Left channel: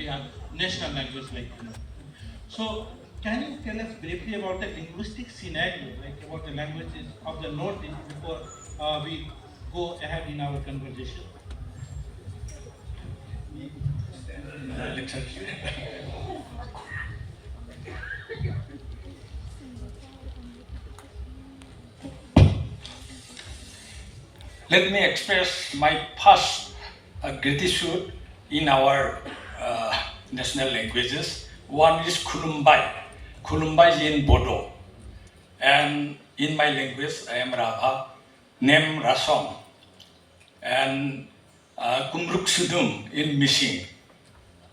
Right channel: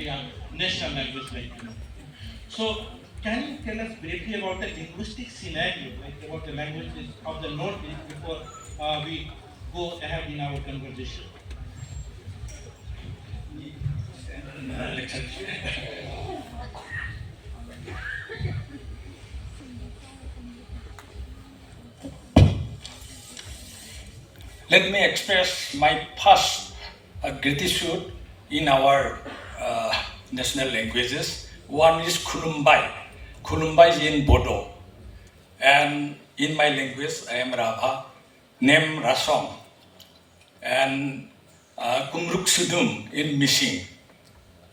they are national language like you know. So can you tell us briefly about the linguistic scenario, like about the languages of the Northeast before we go ahead in our conversation? Let me express my first gratitude in our national languages. One is Khulumbai. Khulumbai is in Bodo. And in my language, I am Rabha, name Rasom. And Kumruk Sudum in Missing.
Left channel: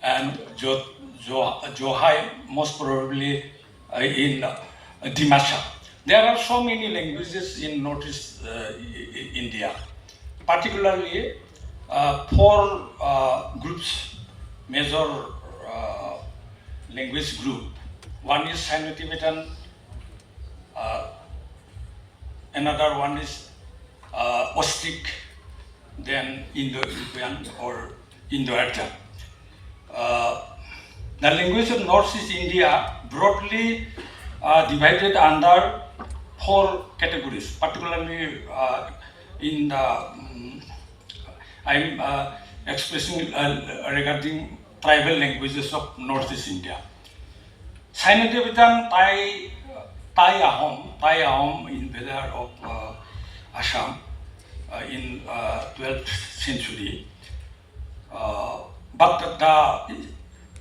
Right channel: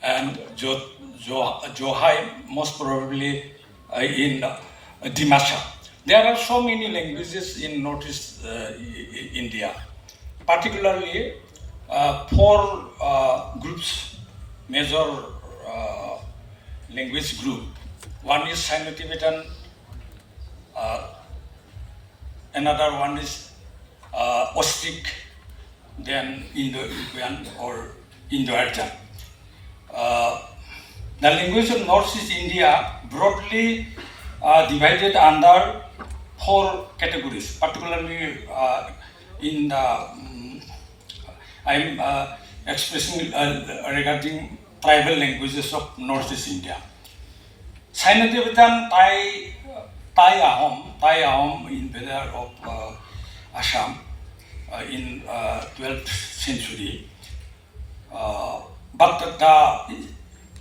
And Johai, most probably in Dimasha. There are so many languages in Northeast India. Particularly, four groups, major language group. One is Sino-Tibetan, another one is Ostric, then Indo-European or Indo-Aryan. The language of Northeast India broadly divided under four categories, particularly in the I'm expressing regarding tribal languages of Northeast India. Sino-Tibetan Tai Ahom invader of Assam in 12th century. But the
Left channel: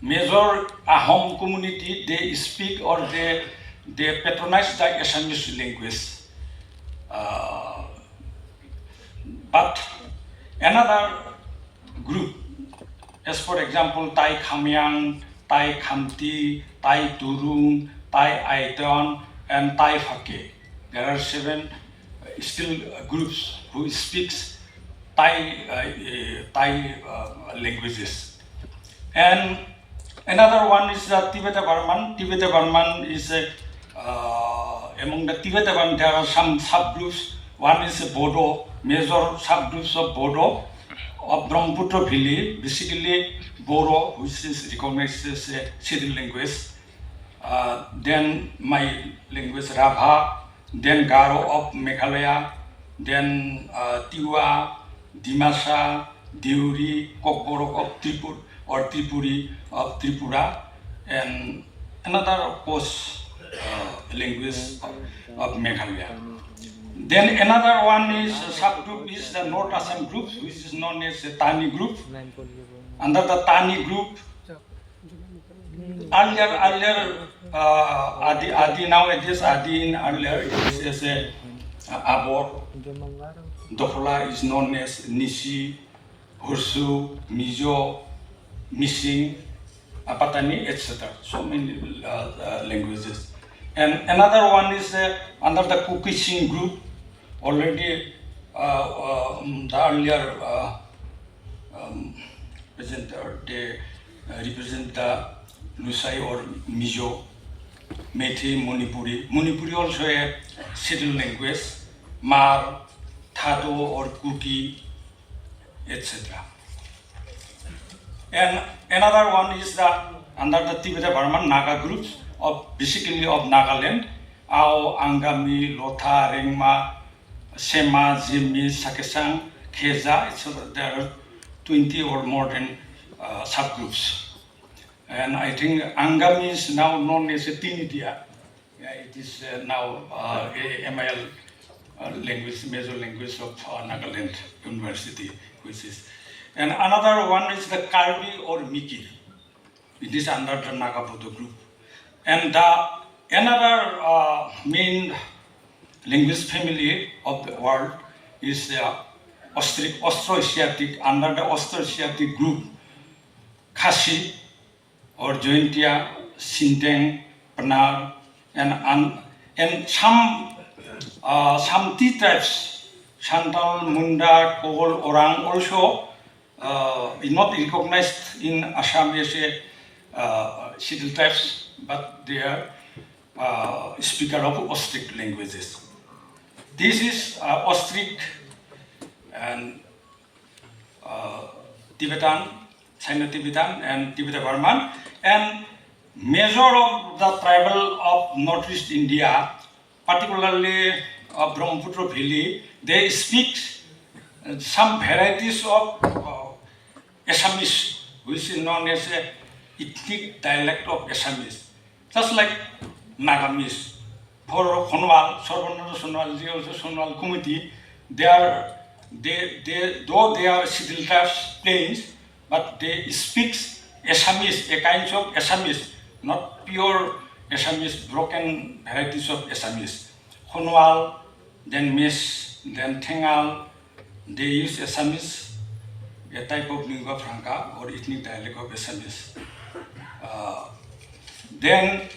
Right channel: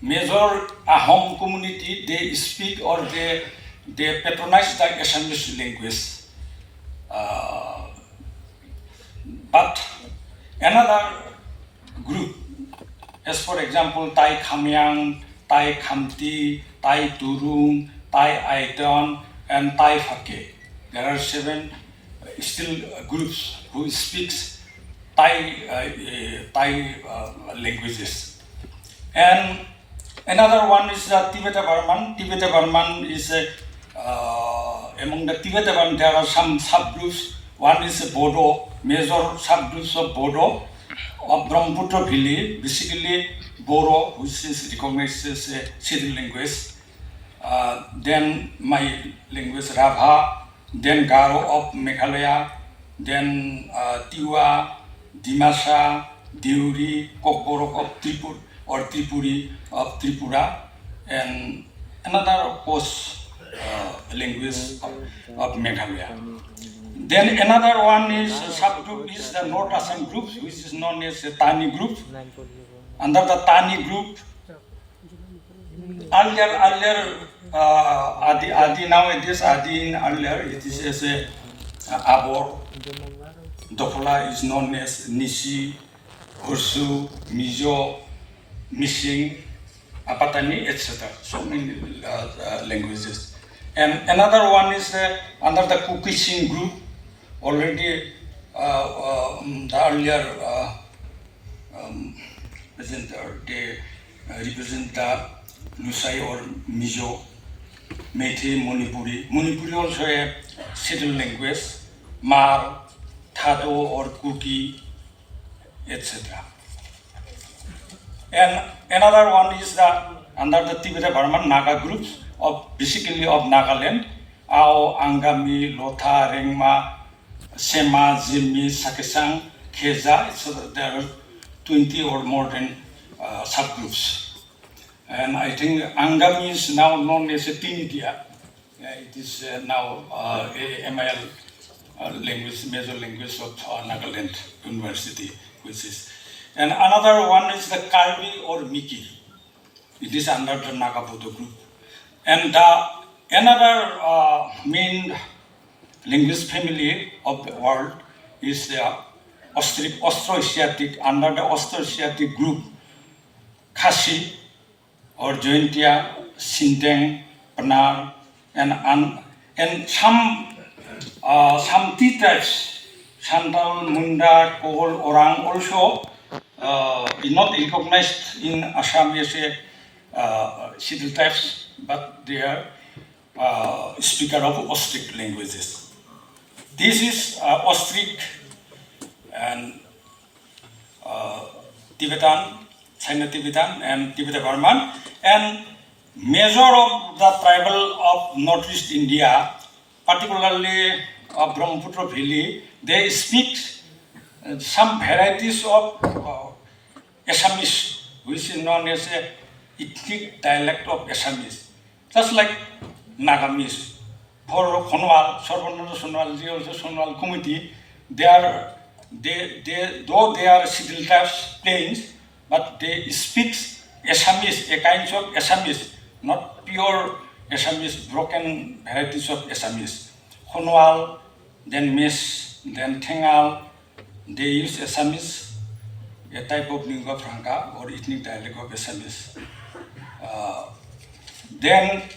major Ahom community, they speak or they patronize the Assamese language. But another group, as for example, Tai Khamyang, Tai Khamti, Tai Turung, Tai Aiton, and Tai Phake. There are seven still groups who speaks Thai languages. And another one is the Tibeto-Burman. Tibeto-Burman is among the Tibeto-Burman, there are some subgroups. One is Bodo, major subgroups of Bodo, of Brahmaputra Valley, basically Bodo, which is recognized as a city language. Then my language Rabha, then Garo of Meghalaya, then Tiwa, Dimasa, Deuri, Kokborok of Tripur or Tripuri of Tripura, and another of course language of Meghalaya. Then another one is subgroup is the North Assam group, which is known as the Tani group. Under the Tani group, earlier Adi nowadays Adi earlier it is a Abor. Dokla is known as Nisi, Ursu, Mizo, Missing, Apatani, etc. So many languages. And another one is under the Kukishin group. Already the earlier presenter, they represent the Lusai or Mizo, Methi, Manipuri. Manipuri also a settled language, Mar, Thado or Kuki, etc. And another one is under the Tibeto-Burman Naga groups of basically of Nagaland, Ao, Angami, Lotha, Rengma, Sema, Zimi, Sakesang, Keza, so there are 20 or more than subgroups. And I think Angami is now known as a Tinidia. It is now MIL language, major language of Nagaland University, which is. And another one is the Karbi or Miki. It is under the Nagabodo group. And another main language family of the world is the Austroasiatic, under the Austroasiatic group, Khasi or Jointia, Sinteng, Panar, and some tea tribes, Santal, Munda, Kogol, Orang also is not recognized in Assam as a civil tribes, but they are speaker of Ostric languages. This is Ostric and Tibetan, Sino-Tibetan and Tibeto-Burman, and major of the tribal of Northeast India, particularly of Brahmaputra Valley, they speak some varieties of Assamese, which is known as a ethnic dialect of Assamese, just like Nagamese. For Khonwal, Sorbananda Sonwal, they also Sonwal community, though they are scheduled as plains, but they speak Assamese, a kind of Assamese, not pure Assamese, broken varieties of Assamese. Khonwal, then Mes, then Tengal, they use Assamese, a type of lingua franca or ethnic dialect of Assamese. Then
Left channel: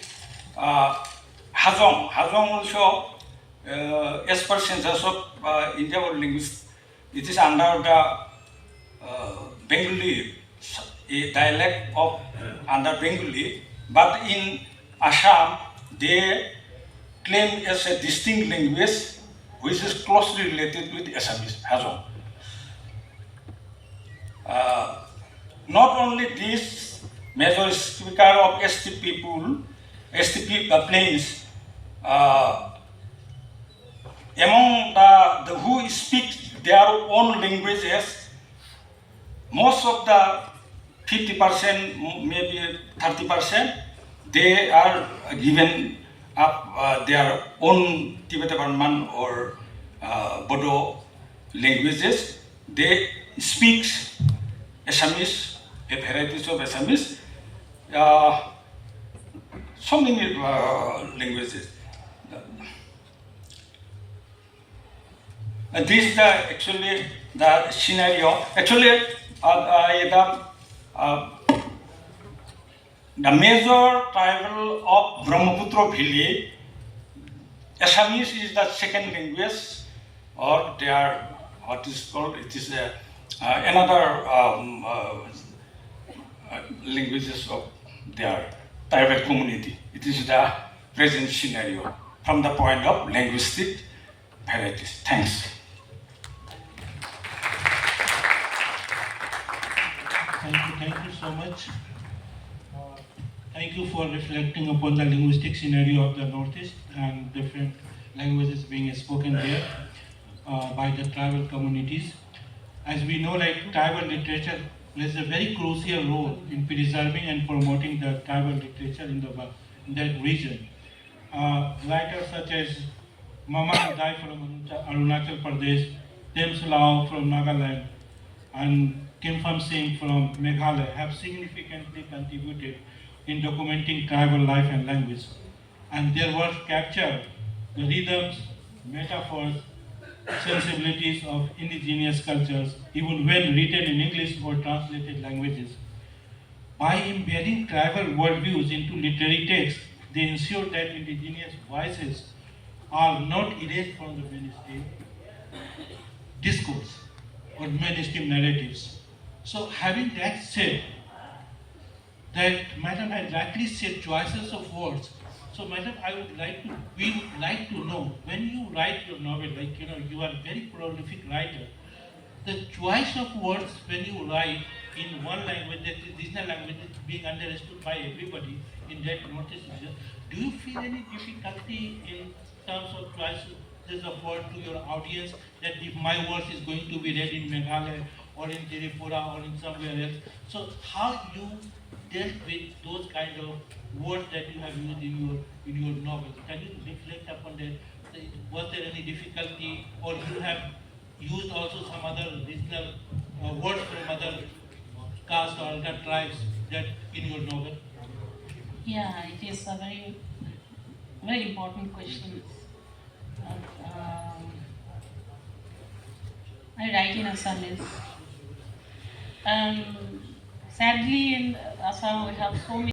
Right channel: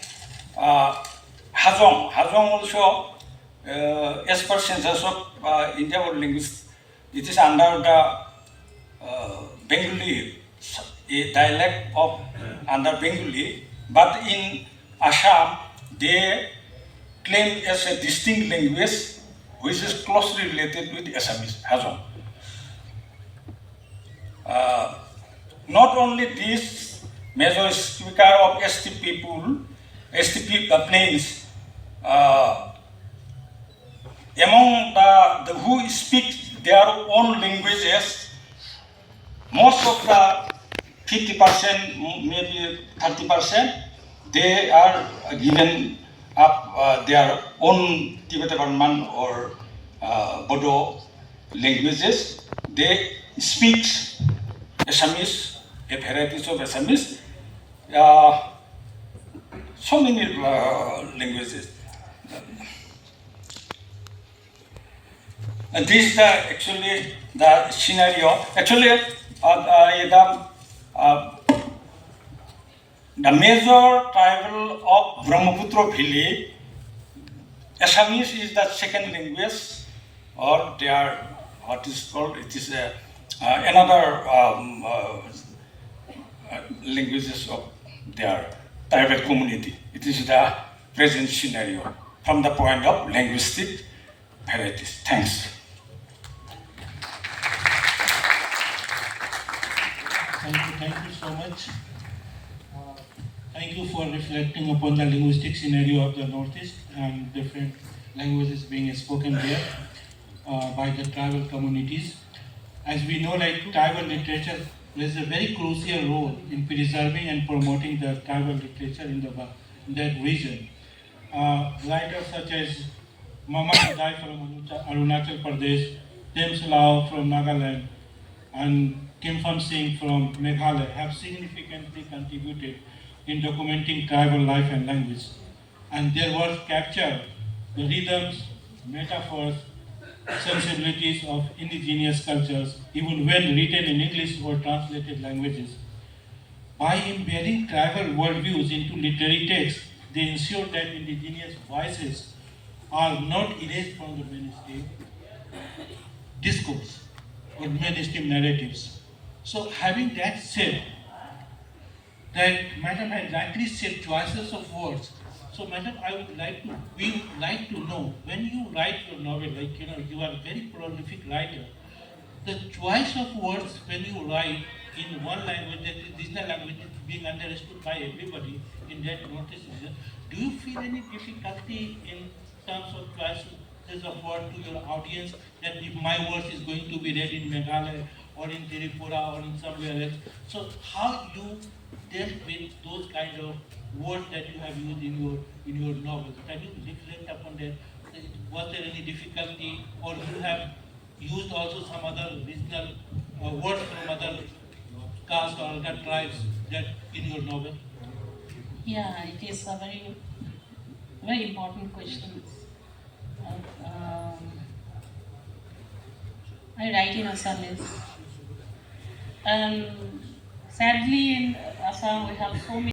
Hajong also, as per census of India World Linguists, it is under the Bengali, a dialect of under Bengali, but in Assam they claim as a distinct language which is closely related with Assamese, Hajong. Not only this major speaker of ST people, plains, among the who speak their own languages, most of the 50%, maybe 30%, they are given up their own Tibeto-Burman or Bodo languages. They speak Assamese, a varieties of Assamese, so many languages. And this is actually the scenario. Actually, the major tribal of Brahmaputra Valley, Assamese is the second language, or they are what is called, it is another languages of their tribal community. It is the present scenario from the point of linguistic varieties. Thanks. Thank you so much. Thank you for reflecting upon the linguistic scenario of the Northeast and different languages being spoken there by the tribal communities. As we know, like tribal literature plays a very crucial role in preserving and promoting the tribal literature in that region. Writers such as Mama Kadai from Arunachal Pradesh, Thames Lao from Nagaland, and Kimpham Singh from Meghalaya have significantly contributed in documenting tribal life and language. And their work capture the rhythms, metaphors, sensibilities of indigenous cultures, even when written in English or translated languages. By embedding tribal worldviews into literary texts, they ensure that indigenous voices are not erased from the mainstream discourse or mainstream narratives. So having that said, that Madam had rightly said choices of words. So Madam, we would like to know, when you write your novel, you are a very prolific writer, the choice of words when you write in one language, that is regional language, that is being understood by everybody in that Northeast region, do you feel any difficulty in terms of choices of word to your audience, that if my words is going to be read in Meghalaya or in Tripura or in somewhere else? So how you dealt with those kind of words that you have used in your novels? Can you reflect upon that? Was there any difficulty, or you have used also some other regional words from other castes or other tribes that in your novel? Yeah, it is a very important question. I write in Assamese. Sadly, in Assam we have so many